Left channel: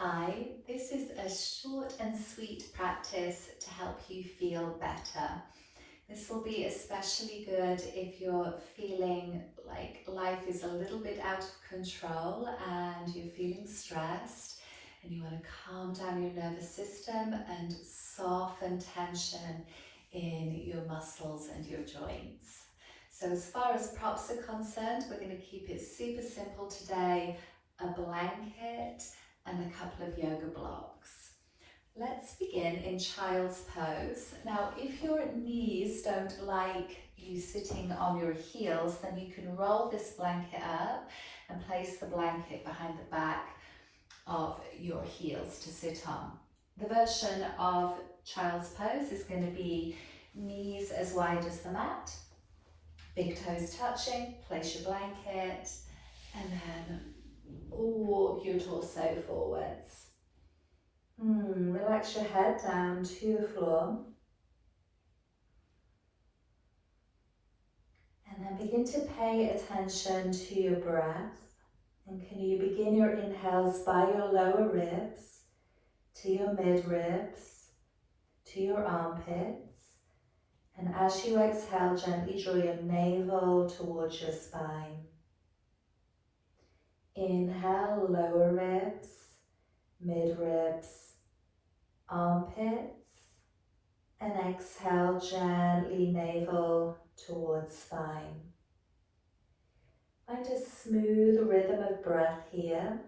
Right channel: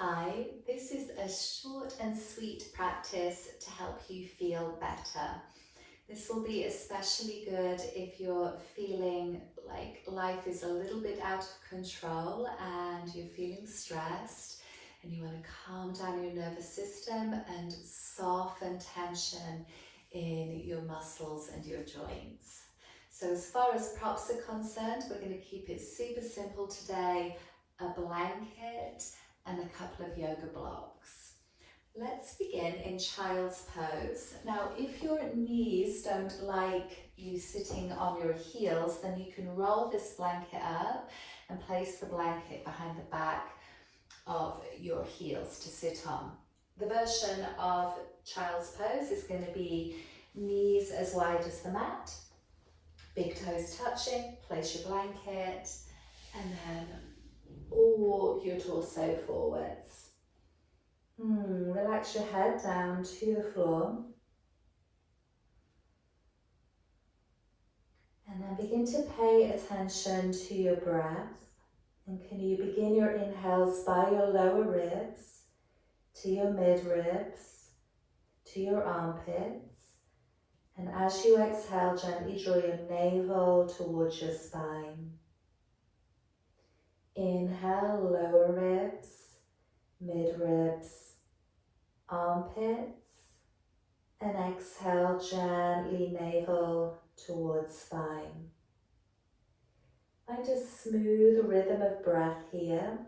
Hi, this is a short and sweet practice to help you feel better. This will be especially good if you're feeling like life is a little bit out of control and you're feeling stressed and you want to calm down your nervous system and soften tension in your muscles and your joints. So as far as props are concerned, we're going to keep it super simple today. A blanket and a couple of yoga blocks. Let's begin in child's pose. Now, if your knees don't like you sitting on your heels, then you can roll this blanket up and place the blanket behind the back of your heels to sit on. The version of child's pose is going to be knees as wide as the mat, big toes touching, place your blanket, and then walk your torso forwards. Relax your head down to the floor. And then begin to pay attention to your breath. And can you begin your inhales by your lower ribs, to your mid ribs, to your armpits. And as you exhale, gently draw your navel towards your spine. Inhale, lower ribs, mid ribs, armpits. And exhale, gently navel towards spine. Find a smooth rhythm of breath here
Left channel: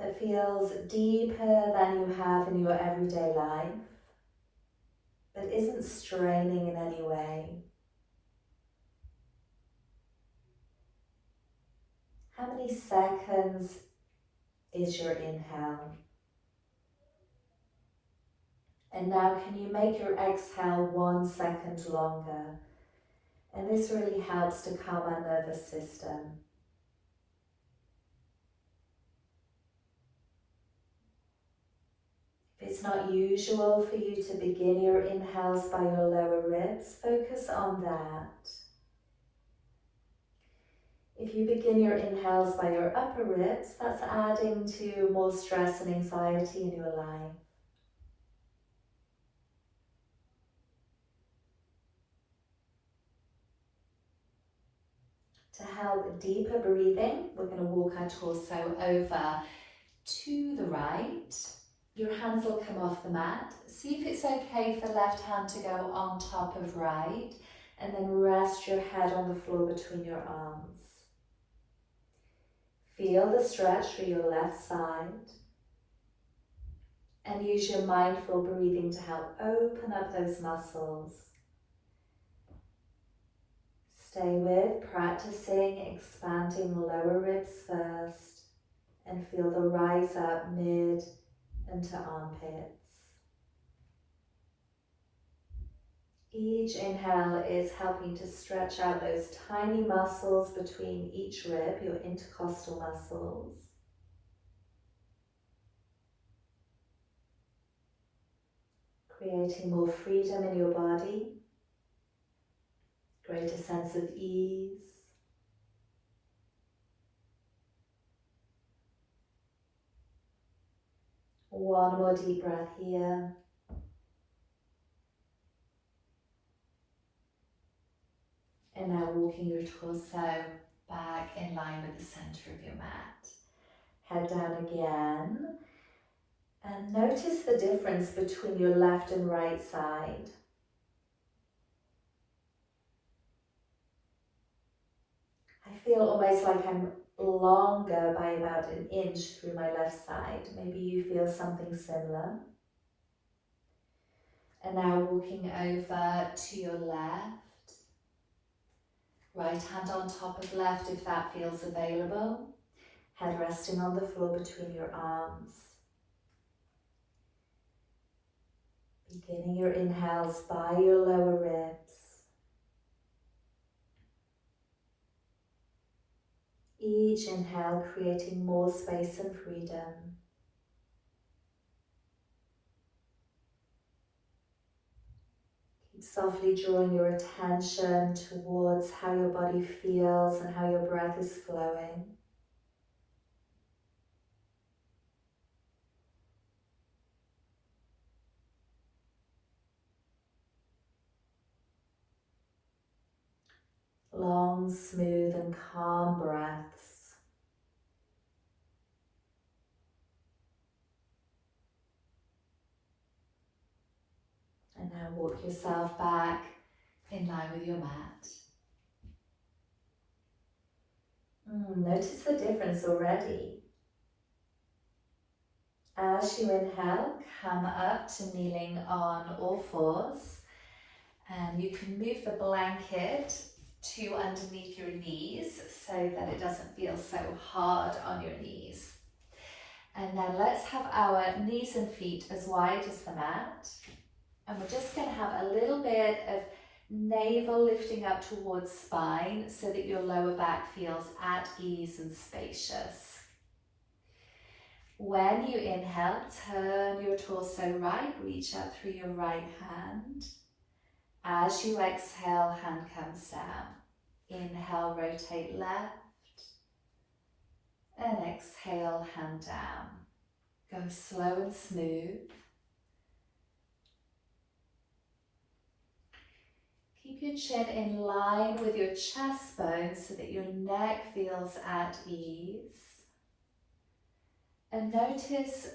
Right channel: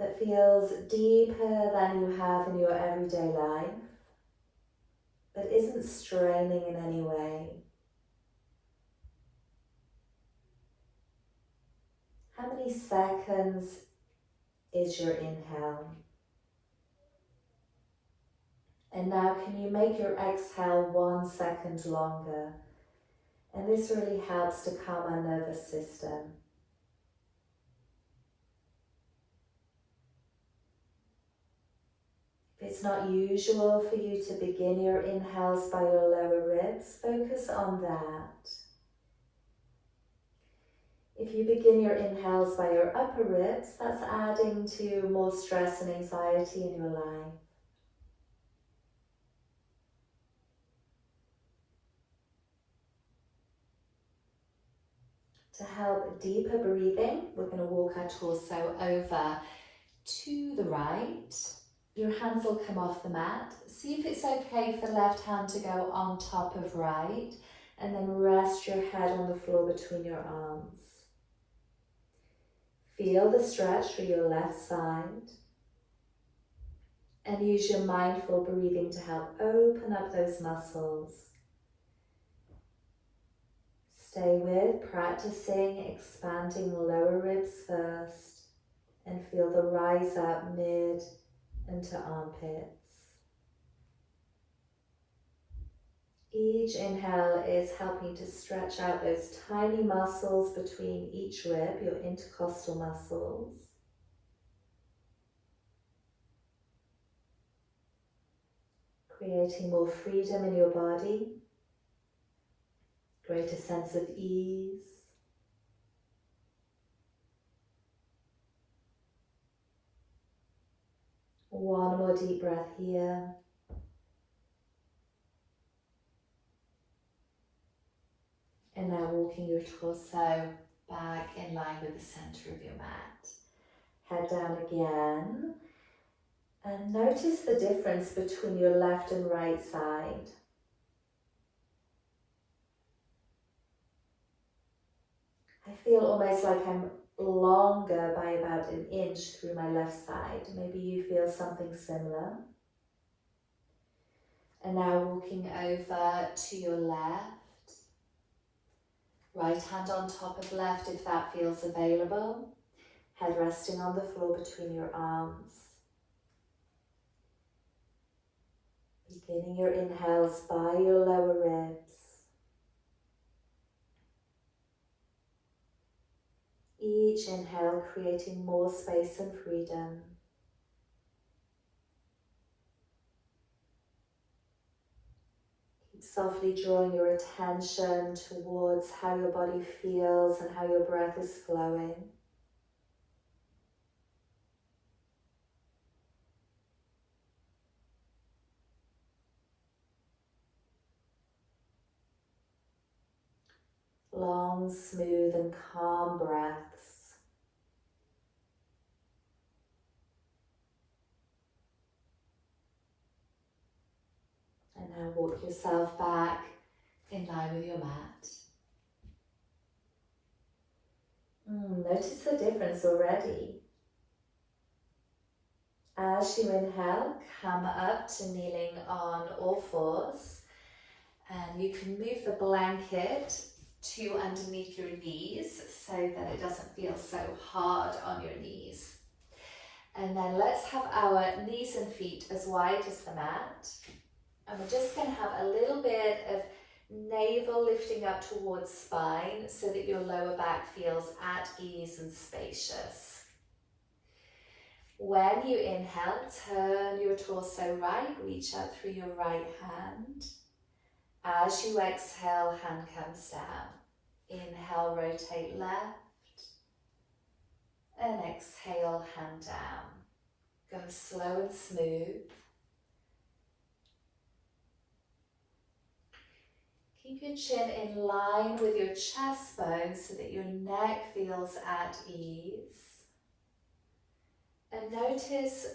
that feels deeper than you have in your everyday life, but isn't straining in any way. How many seconds is your inhale? And now can you make your exhale 1 second longer? And this really helps to calm our nervous system. If it's not usual for you to begin your inhales by your lower ribs, focus on that. If you begin your inhales by your upper ribs, that's adding to more stress and anxiety in your life. To help deeper breathing, we're going to walk our torso over to the right. Your hands will come off the mat. See if it's okay for left hand to go on top of right, and then rest your head on the floor between your arms. Feel the stretch for your left side, and use your mindful breathing to help open up those muscles. Stay with practicing expanding lower ribs first, and feel the rise up mid and to armpits. Each inhale is helping to stretch out those tiny muscles between each rib, your intercostal muscles. Creating more freedom in your body, greater sense of ease. One more deep breath here. And now walking your torso back in line with the center of your mat. Head down again. And notice the difference between your left and right side. I feel almost like I'm longer by about an inch through my left side. Maybe you feel something similar. And now walking over to your left. Right hand on top of left if that feels available. Head resting on the floor between your arms. Beginning your inhales by your lower ribs. Each inhale creating more space and freedom. Keep softly drawing your attention towards how your body feels and how your breath is flowing. Long, smooth and calm breaths. And now walk yourself back in line with your mat. Notice the difference already. As you inhale, come up to kneeling on all fours, and you can move the blanket to underneath your knees so that it doesn't feel so hard on your knees. And then let's have our knees and feet as wide as the mat. And we're just going to have a little bit of navel lifting up towards spine so that your lower back feels at ease and spacious. When you inhale, turn your torso right, reach up through your right hand. As you exhale, hand comes down. Inhale, rotate left. And exhale, hand down. Go slow and smooth. Keep your chin in line with your chest bone so that your neck feels at ease. And notice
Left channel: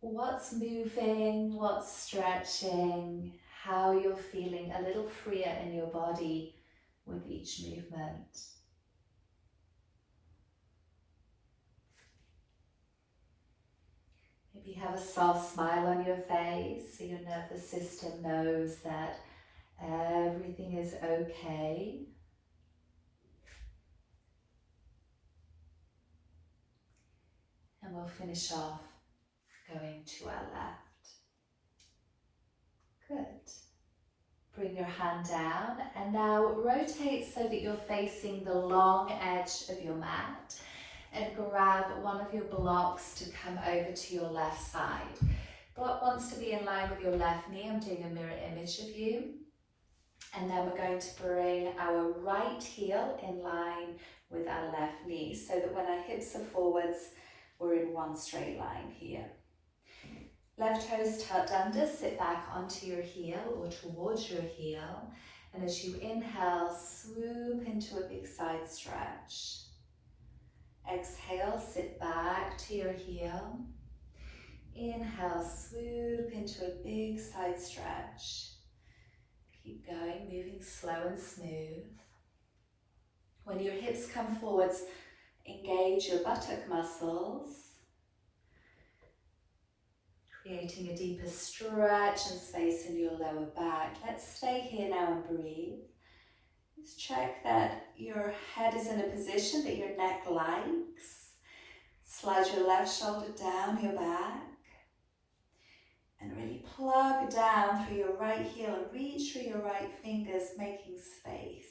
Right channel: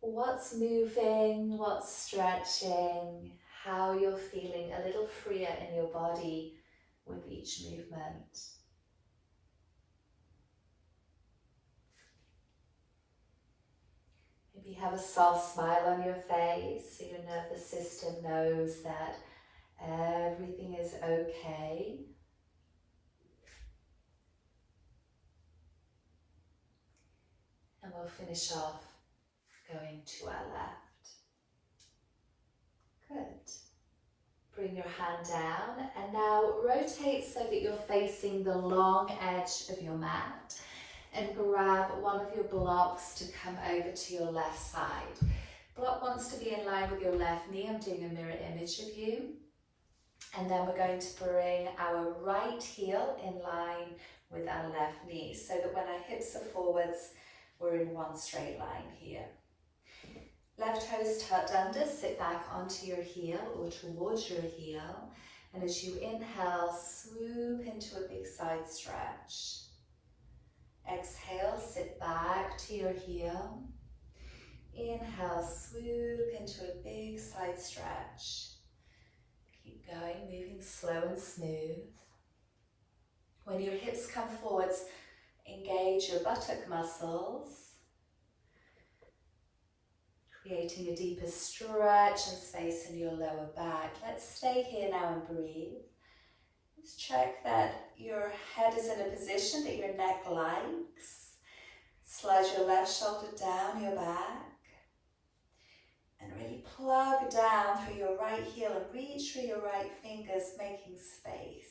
what's moving, what's stretching, how you're feeling a little freer in your body with each movement. Maybe have a soft smile on your face so your nervous system knows that everything is okay. And we'll finish off going to our left. Good. Bring your hand down and now rotate so that you're facing the long edge of your mat, and grab one of your blocks to come over to your left side. Block wants to be in line with your left knee. I'm doing a mirror image of you. And then we're going to bring our right heel in line with our left knee so that when our hips are forwards, we're in one straight line here. Left toes tucked under, sit back onto your heel or towards your heel. And as you inhale, swoop into a big side stretch. Exhale, sit back to your heel. Inhale, swoop into a big side stretch. Keep going, moving slow and smooth. When your hips come forwards, engage your buttock muscles, creating a deeper stretch and space in your lower back. Let's stay here now and breathe. Just check that your head is in a position that your neck likes. Slide your left shoulder down your back. And really plug down through your right heel and reach through your right fingers, making space.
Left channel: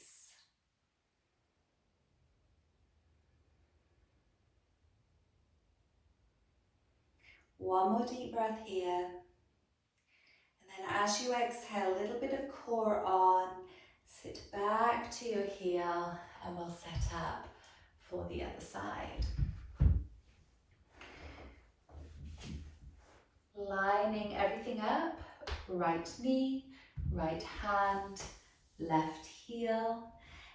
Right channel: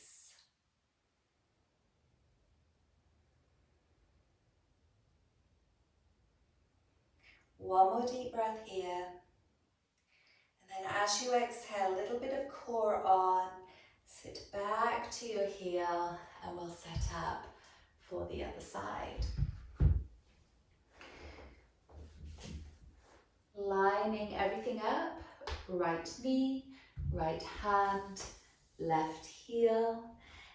One more deep breath here. And then as you exhale, a little bit of core on. Sit back to your heel and we'll set up for the other side. Lining everything up, right knee, right hand, left heel,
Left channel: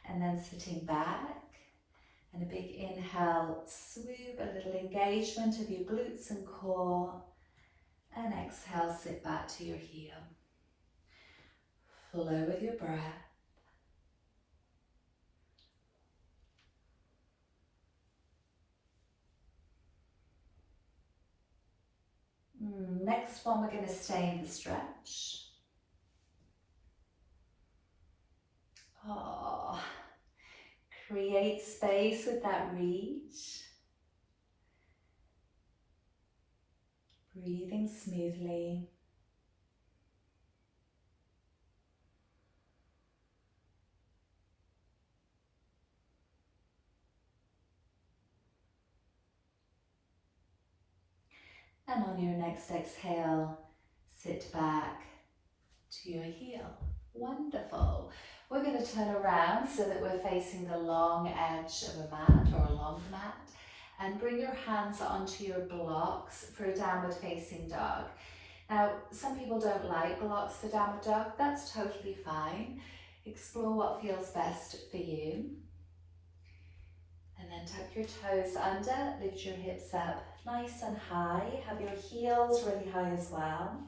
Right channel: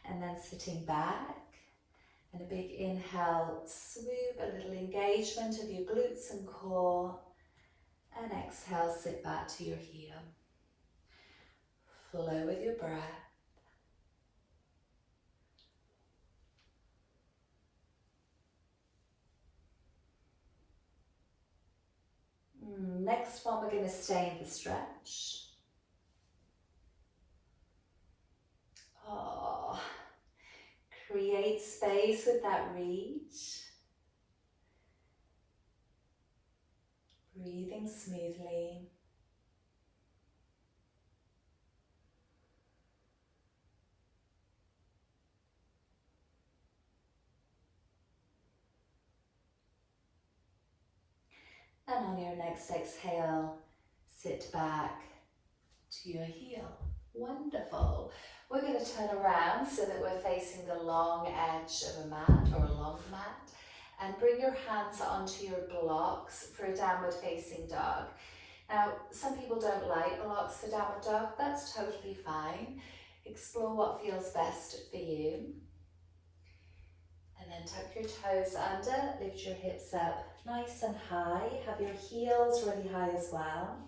and then sitting back. And a big inhale, swoop, a little engagement of your glutes and core. And exhale, sit back to your heel. Flow with your breath. Next one, we're going to stay in the stretch. Create space with that reach. Breathing smoothly. And on your next exhale, sit back to your heel. Wonderful. We're going to turn around so that we're facing the long edge of a mat or a long mat, and bring your hands onto your blocks for a downward facing dog. Now, some people don't like blocks for downward dog. That's totally fine. Explore what feels best for you. And then tuck your toes under, lift your hips up nice and high. Have your heels really high as well.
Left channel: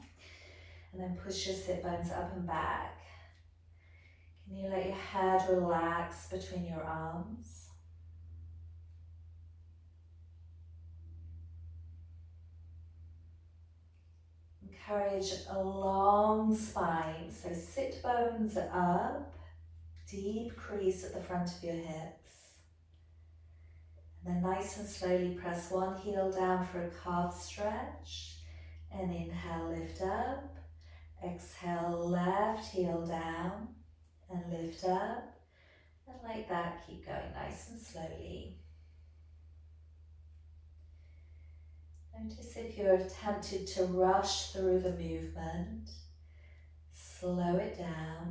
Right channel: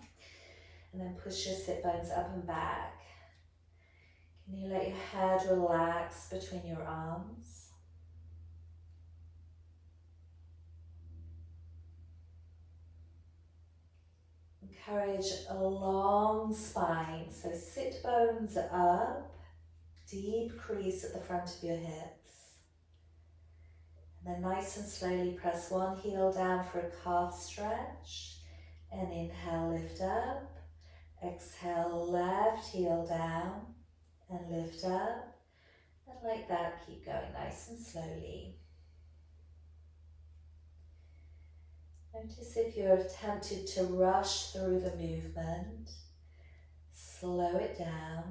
And then push your sit bones up and back. Can you let your head relax between your arms? Encourage a long spine, so sit bones up, deep crease at the front of your hips. And then nice and slowly press one heel down for a calf stretch. And inhale, lift up. Exhale, left heel down and lift up. And like that, keep going nice and slowly. Notice if you're tempted to rush through the movement, slow it down.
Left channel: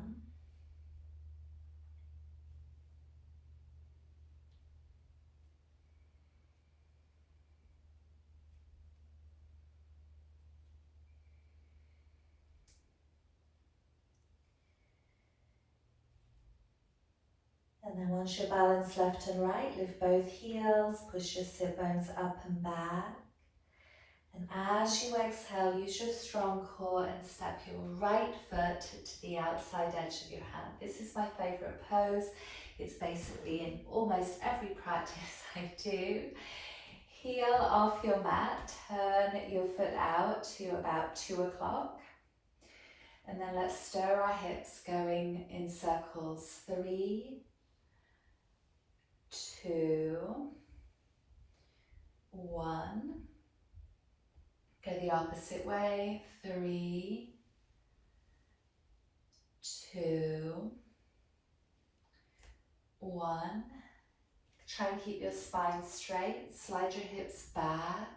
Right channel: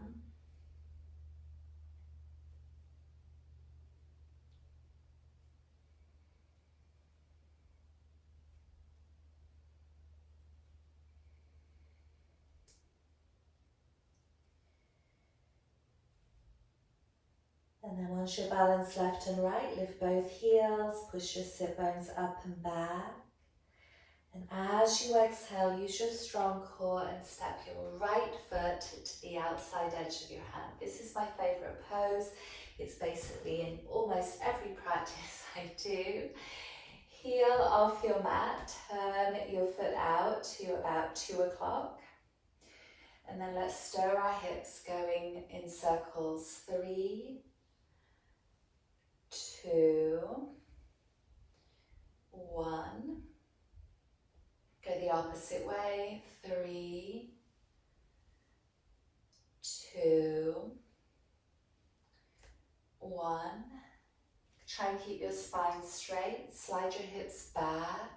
And then once you're balanced left and right, lift both heels, push your sit bones up and back. And as you exhale, use your strong core and step your right foot to the outside edge of your hand. This is my favorite pose. It's basically in almost every practice I do. Heel off your mat, turn your foot out to about 2 o'clock. And then let's stir our hips going in circles. 3, 2, 1. Go the opposite way. 3, 2, 1. Try and keep your spine straight. Slide your hips back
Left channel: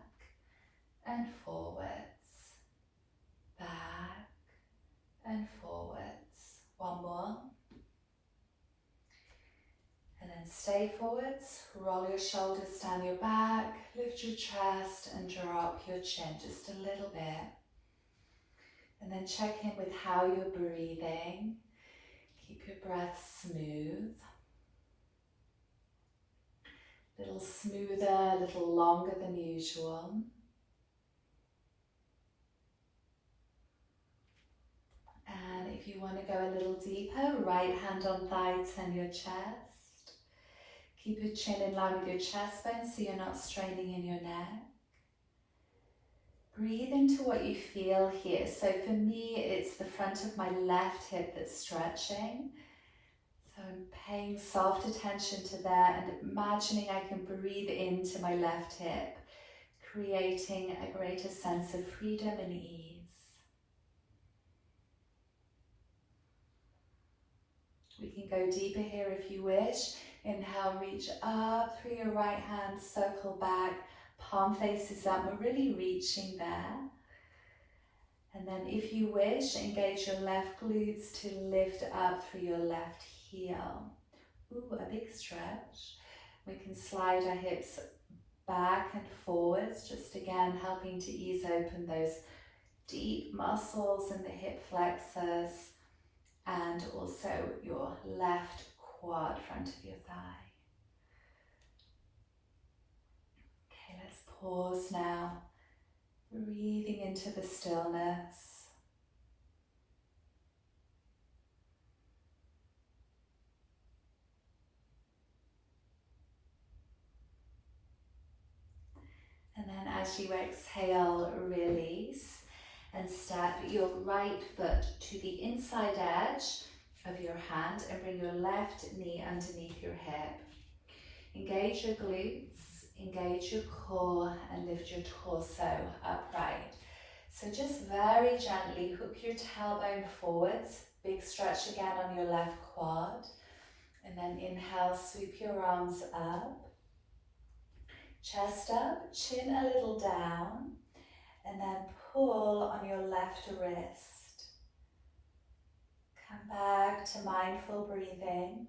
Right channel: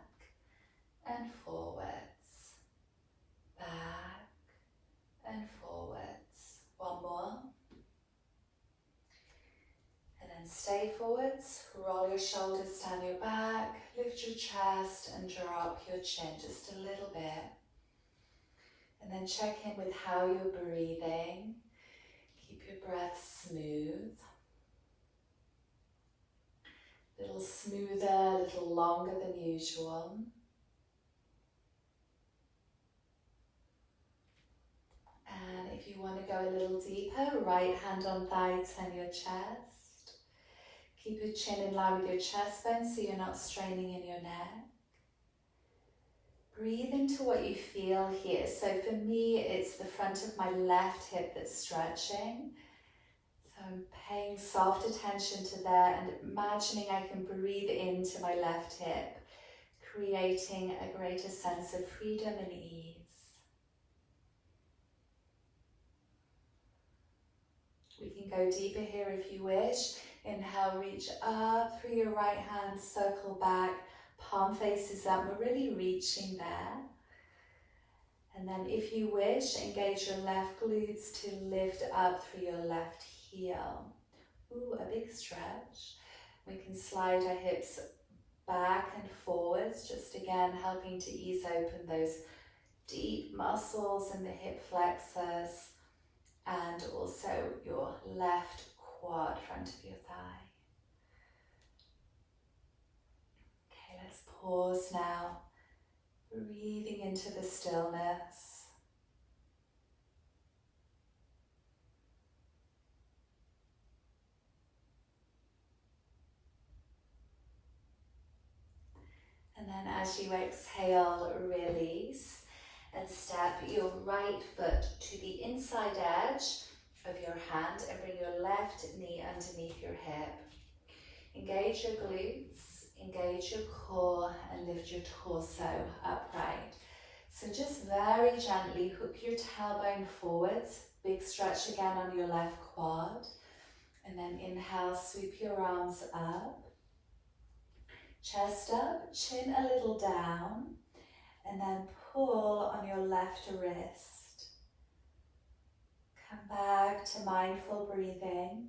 and forwards. Back and forwards. One more. And then stay forwards. Roll your shoulders down your back. Lift your chest and drop your chin just a little bit. And then check in with how you're breathing. Keep your breath smooth. A little smoother, a little longer than usual. And if you want to go a little deeper, right hand on thigh, turn your chest. Keep your chin in line with your chest bone so you're not straining in your neck. Breathe into what you feel here. So for me, it's the front of my left hip that's stretching. So I'm paying soft attention to there and imagining I can breathe into my left hip, creating a greater sense of freedom and ease. We can go deeper here if you wish. Inhale, reach up through your right hand, circle back, palm faces up. We're really reaching there. And then if you wish, engage your left glutes to lift up through your left heel. Ooh, a big stretch. We can slide our hips back and forwards, just again helping to ease open those deep muscles in the hip flexors and also your left quad, front of your thigh. Okay, let's pause now, breathing into the stillness. And then as you exhale, release and step your right foot to the inside edge of your hand and bring your left knee underneath your hip. Engage your glutes, engage your core and lift your torso upright. So just very gently hook your tailbone forwards, big stretch again on your left quad. And then inhale, sweep your arms up. Chest up, chin a little down, and then pull on your left wrist. Come back to mindful breathing.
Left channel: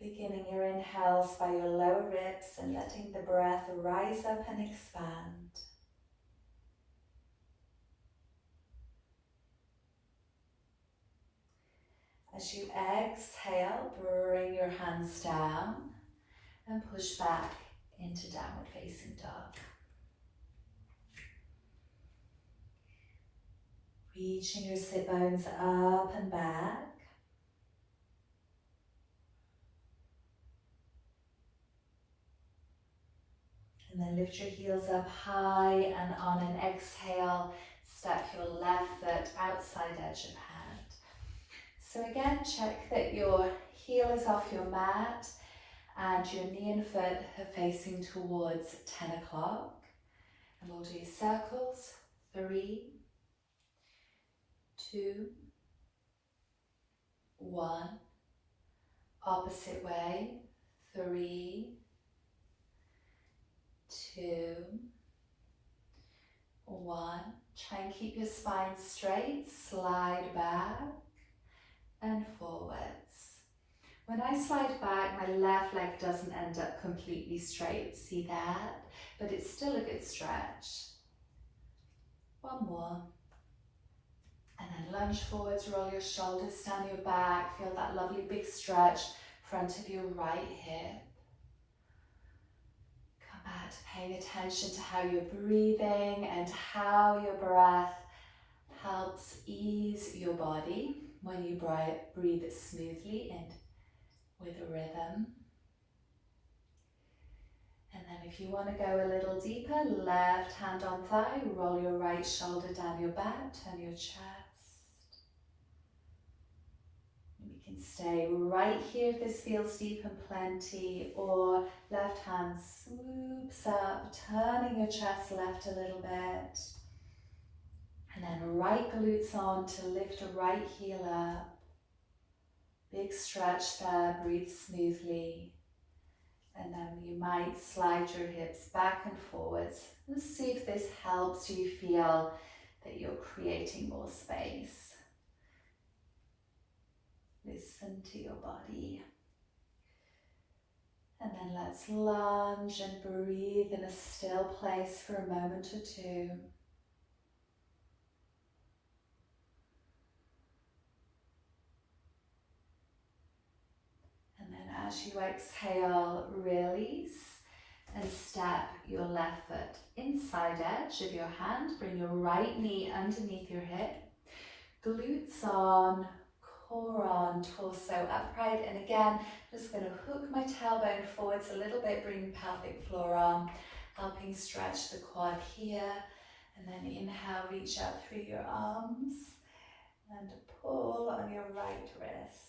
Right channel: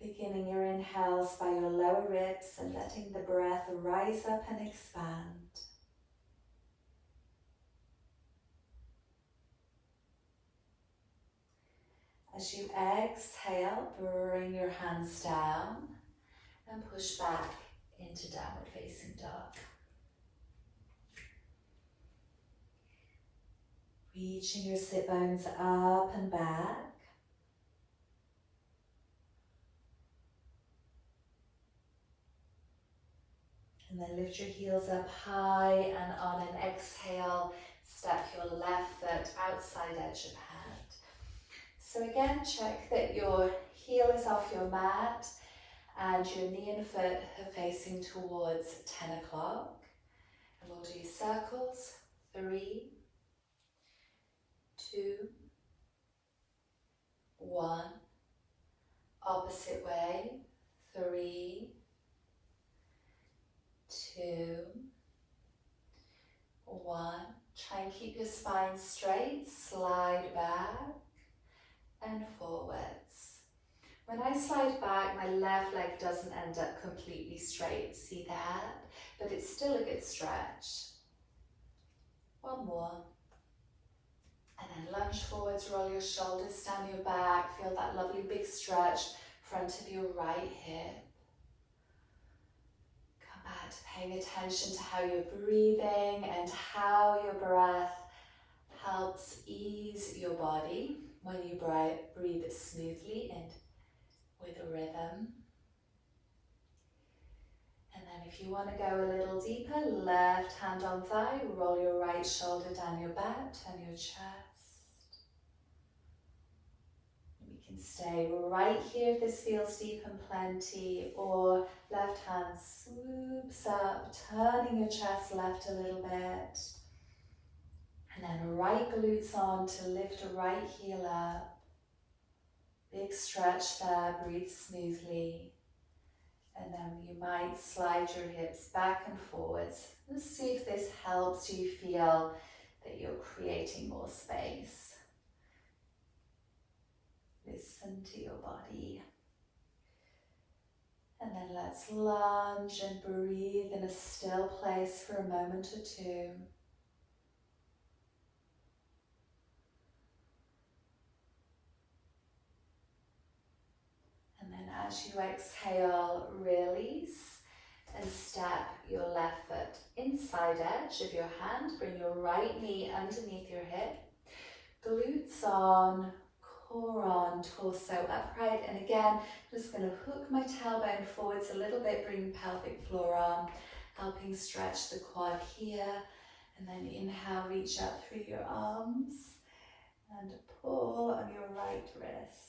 Beginning your inhales by your lower ribs and letting the breath rise up and expand. As As you exhale, bring your hands down and push back into downward facing dog. Reaching your sit bones up and back. And then lift your heels up high, and on an exhale, step your left foot outside edge of hand. So again, check that your heel is off your mat and your knee and foot are facing towards 10 o'clock. And we'll do circles, 3, 2, 1. Opposite way, 3, 2, 1. Try and keep your spine straight, slide back and forwards. When I slide back, my left leg doesn't end up completely straight, see that? But it's still a good stretch. One more. And then lunge forwards, roll your shoulders down your back, feel that lovely big stretch, front of your right hip. Come back to paying attention to how you're breathing and how your breath helps ease your body when you breathe smoothly and with a rhythm. And then if you want to go a little deeper, left hand on thigh, roll your right shoulder down your back, turn your chest. And we can stay right here if this feels deep and plenty, or left hand swoops up, turning your chest left a little bit. And then right glutes on to lift a right heel up. Big stretch there, breathe smoothly. And then you might slide your hips back and forwards. Let's see if this helps you feel that you're creating more space. Listen to your body. And then let's lunge and breathe in a still place for a moment or two. And then as you exhale, release and step your left foot inside edge of your hand. Bring your right knee underneath your hip. Glutes on, core on, torso upright. And again, I'm just going to hook my tailbone forwards a little bit, bring the pelvic floor on, helping stretch the quad here. And then inhale, reach out through your arms and pull on your right wrist.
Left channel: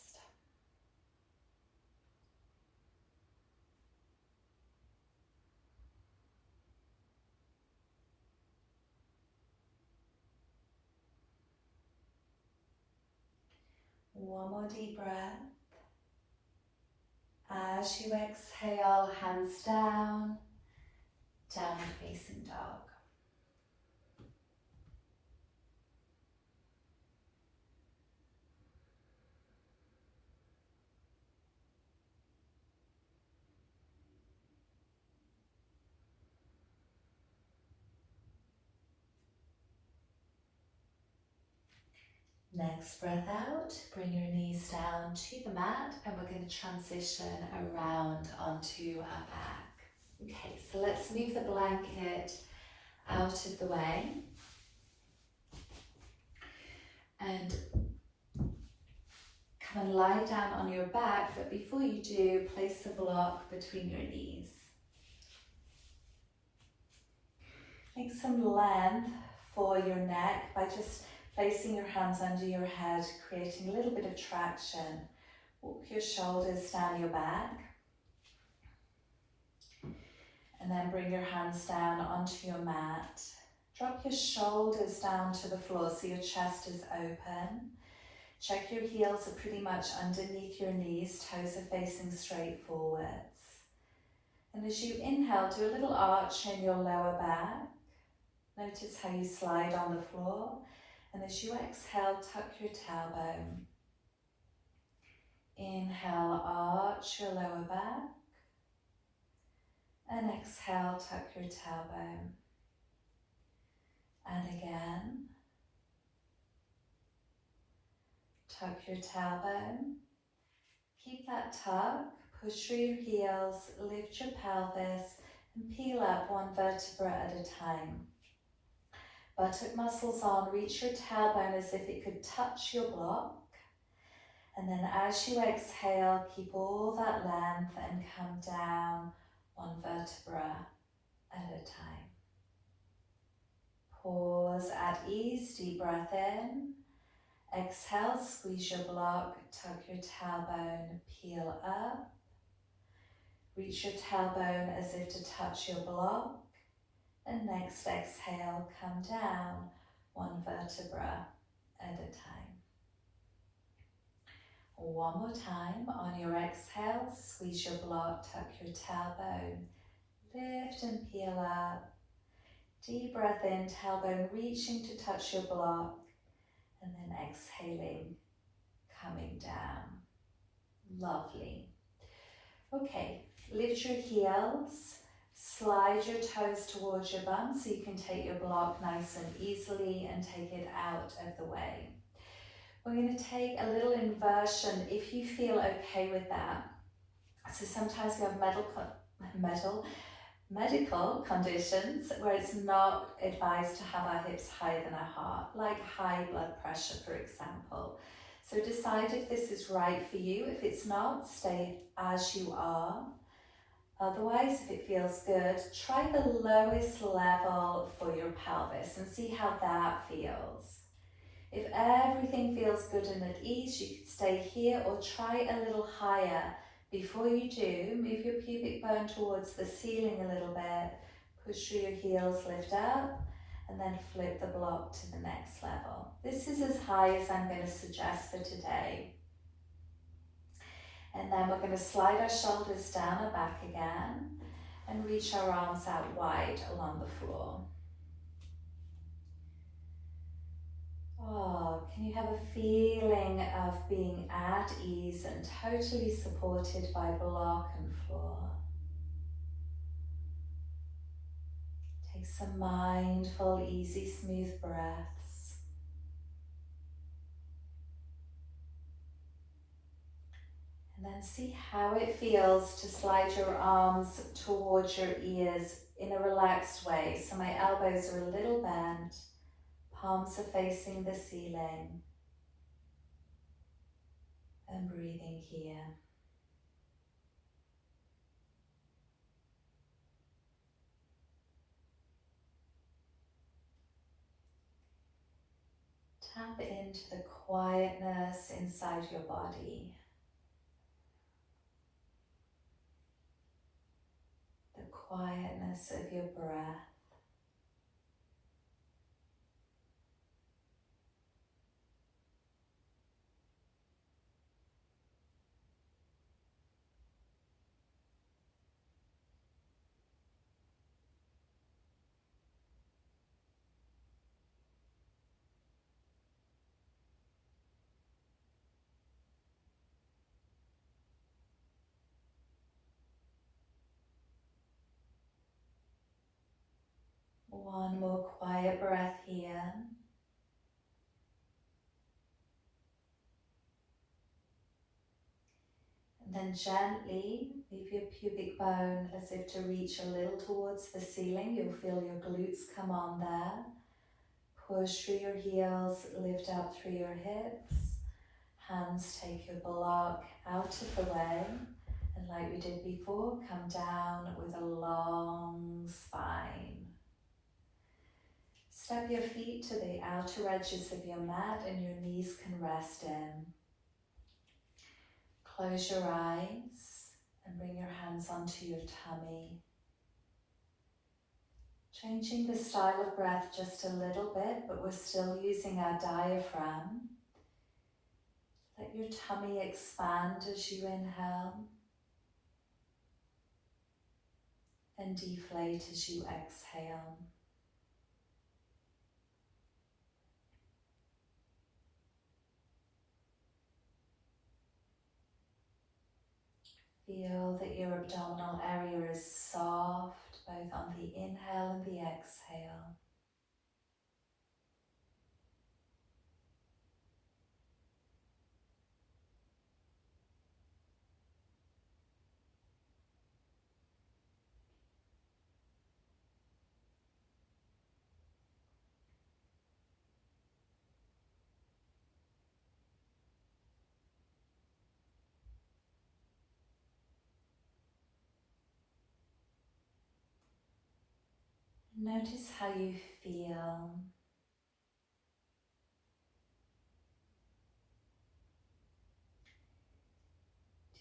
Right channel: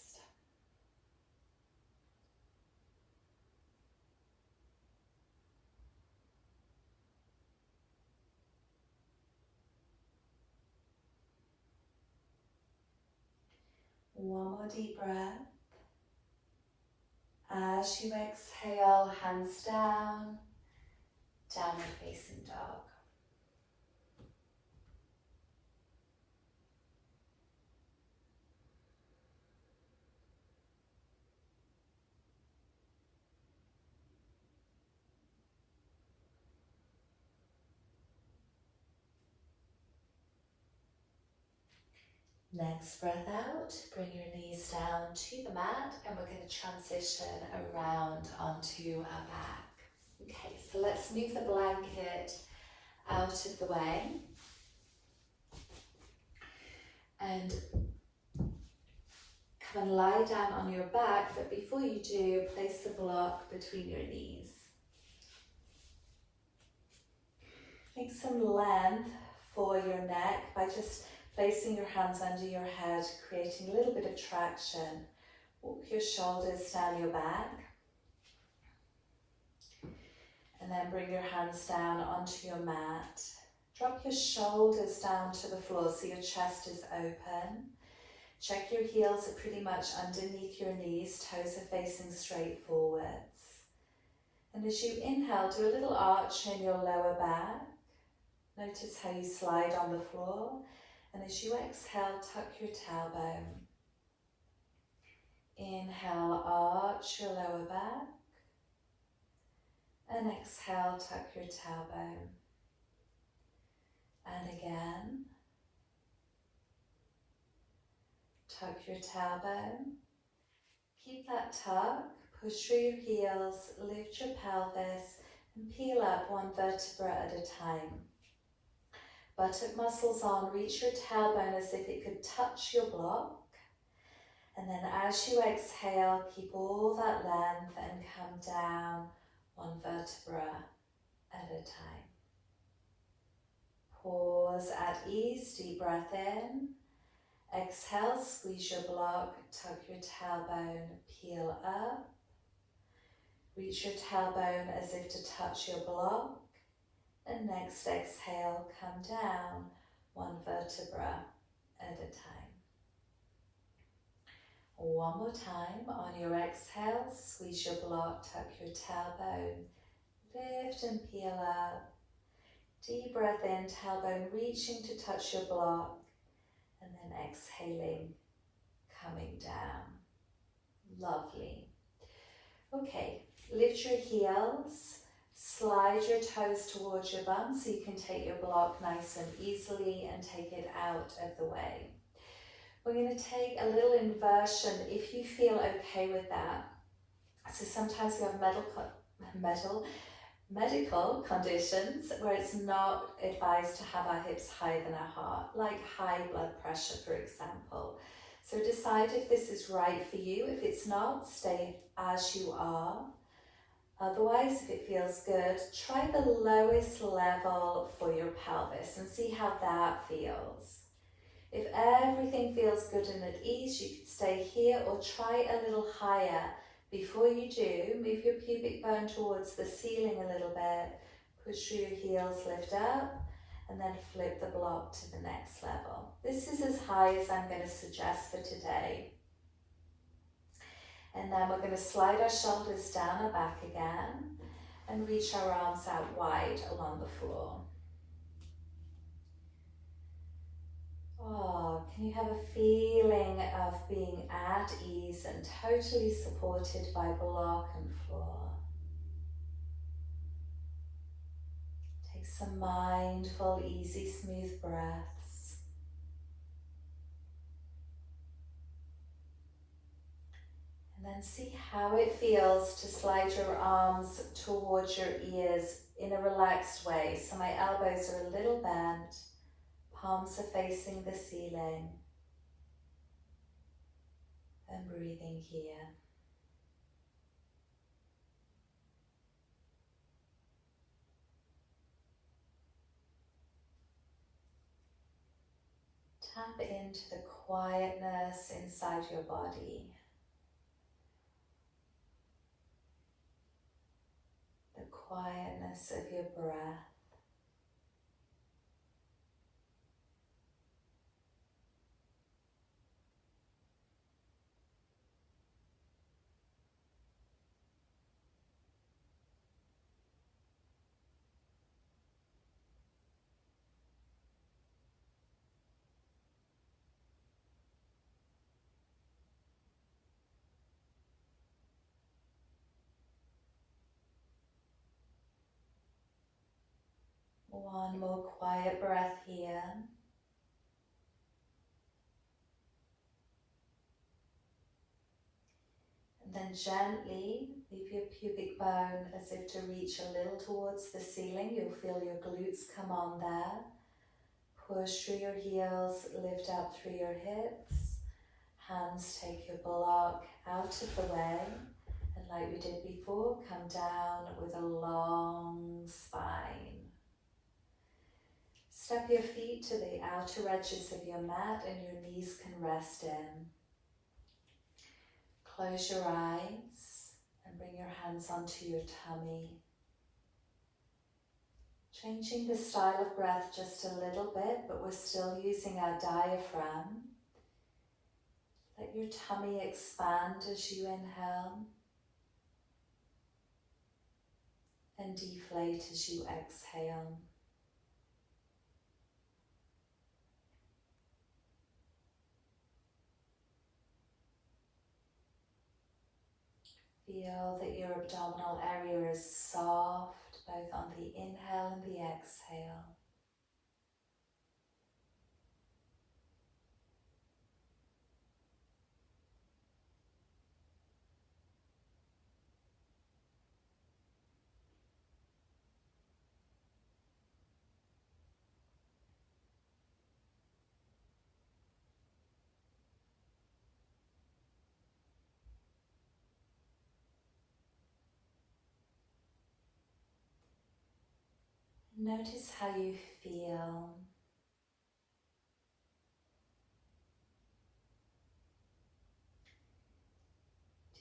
One more deep breath. As you exhale, hands down, downward facing dog. Next breath out, bring your knees down to the mat, and we're going to transition around onto our back. Okay, so let's move the blanket out of the way. And come and lie down on your back, but before you do, place the block between your knees. Make some length for your neck by just placing your hands under your head, creating a little bit of traction. Walk your shoulders down your back. And then bring your hands down onto your mat. Drop your shoulders down to the floor so your chest is open. Check your heels are pretty much underneath your knees, toes are facing straight forwards. And as you inhale, do a little arch in your lower back. Notice how you slide on the floor. And as you exhale, tuck your tailbone. Inhale, arch your lower back. And exhale, tuck your tailbone. And again. tuck your tailbone. Keep that tuck, push through your heels, lift your pelvis, and peel up one vertebra at a time. Buttock muscles on, reach your tailbone as if it could touch your block. And then as you exhale, keep all that length and come down one vertebra at a time. Pause at ease, deep breath in. Exhale, squeeze your block, tuck your tailbone, peel up. Reach your tailbone as if to touch your block. And next exhale, come down one vertebra at a time. One more time. On your exhale, squeeze your block, tuck your tailbone, lift and peel up. Deep breath in, tailbone reaching to touch your block, and then exhaling, coming down. Lovely. Okay, lift your heels, slide your toes towards your bum so you can take your block nice and easily and take it out of the way. We're going to take a little inversion if you feel okay with that. So sometimes we have medical conditions where it's not advised to have our hips higher than our heart, like high blood pressure, for example. So decide if this is right for you. If it's not, stay as you are. Otherwise, if it feels good, try the lowest level for your pelvis and see how that feels. If everything feels good and at ease, you can stay here or try a little higher. Before you do, move your pubic bone towards the ceiling a little bit, push through your heels, lift up, and then flip the block to the next level. This is as high as I'm going to suggest for today. And then we're going to slide our shoulders down and back again and reach our arms out wide along the floor. Oh, can you have a feeling of being at ease and totally supported by block and floor? Take some mindful, easy, smooth breaths. And then see how it feels to slide your arms towards your ears in a relaxed way. So my elbows are a little bent, palms are facing the ceiling, and breathing here. Tap into the quietness inside your body. The quietness of your breath. One more quiet breath here. And then gently leave your pubic bone as if to reach a little towards the ceiling. You'll feel your glutes come on there. Push through your heels, lift up through your hips. Hands take your block out of the way. And like we did before, come down with a long spine. Step your feet to the outer edges of your mat and your knees can rest in. Close your eyes and bring your hands onto your tummy. Changing the style of breath just a little bit, but we're still using our diaphragm. Let your tummy expand as you inhale and deflate as you exhale. Feel that your abdominal area is soft, both on the inhale and the exhale. Notice how you feel.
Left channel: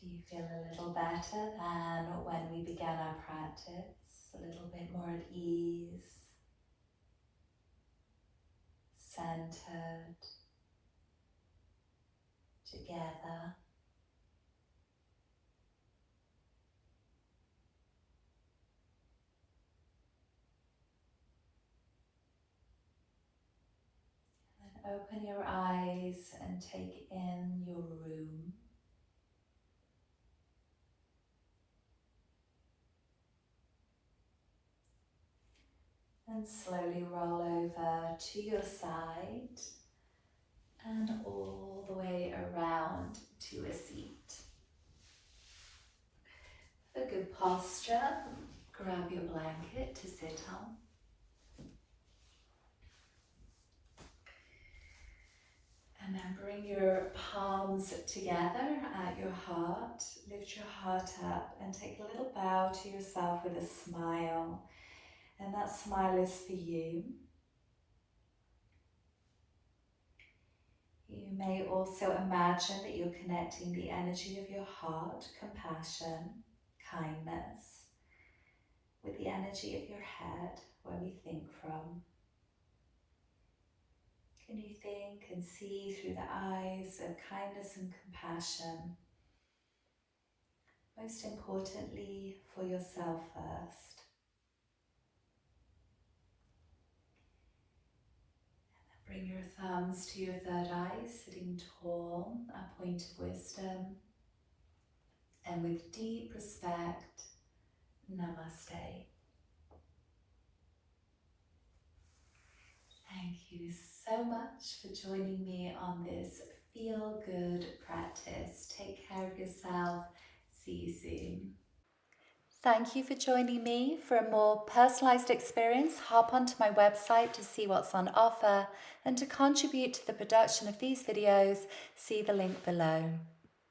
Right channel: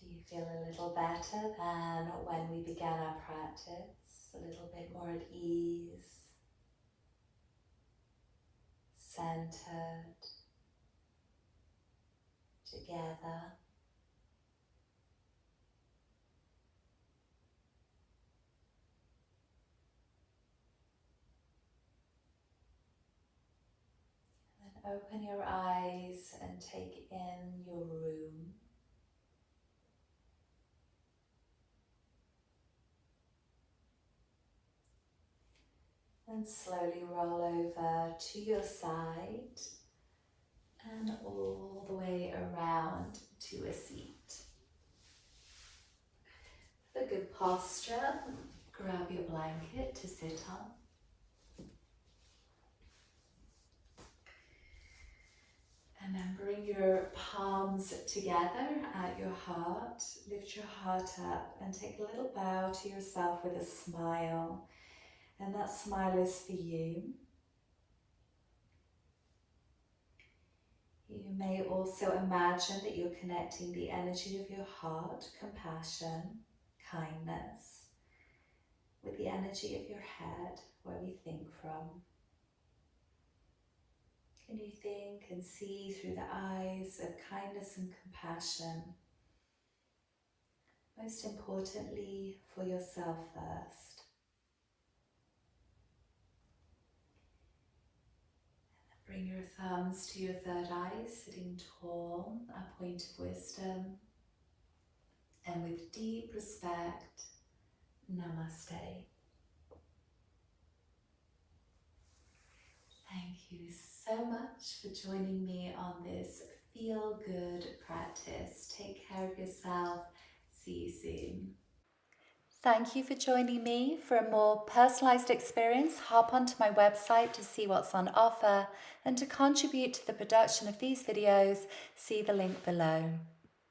Do you feel a little better than when we began our practice? A little bit more at ease, centered, together. And open your eyes and take in your room. And slowly roll over to your side and all the way around to a seat. A good posture. Grab your blanket to sit on. And now bring your palms together at your heart. Lift your heart up and take a little bow to yourself with a smile. And that smile is for you. You may also imagine that you're connecting the energy of your heart, compassion, kindness, with the energy of your head, where we think from. Can you think and see through the eyes of kindness and compassion? Most importantly, for yourself first. Bring your thumbs to your third eye, sitting tall, a point of wisdom. And with deep respect, namaste. Thank you so much for joining me on this feel good practice. Take care of yourself. See you soon. Thank you for joining me. For a more personalized experience, hop onto my website to see what's on offer, and to contribute to the production of these videos, see the link below.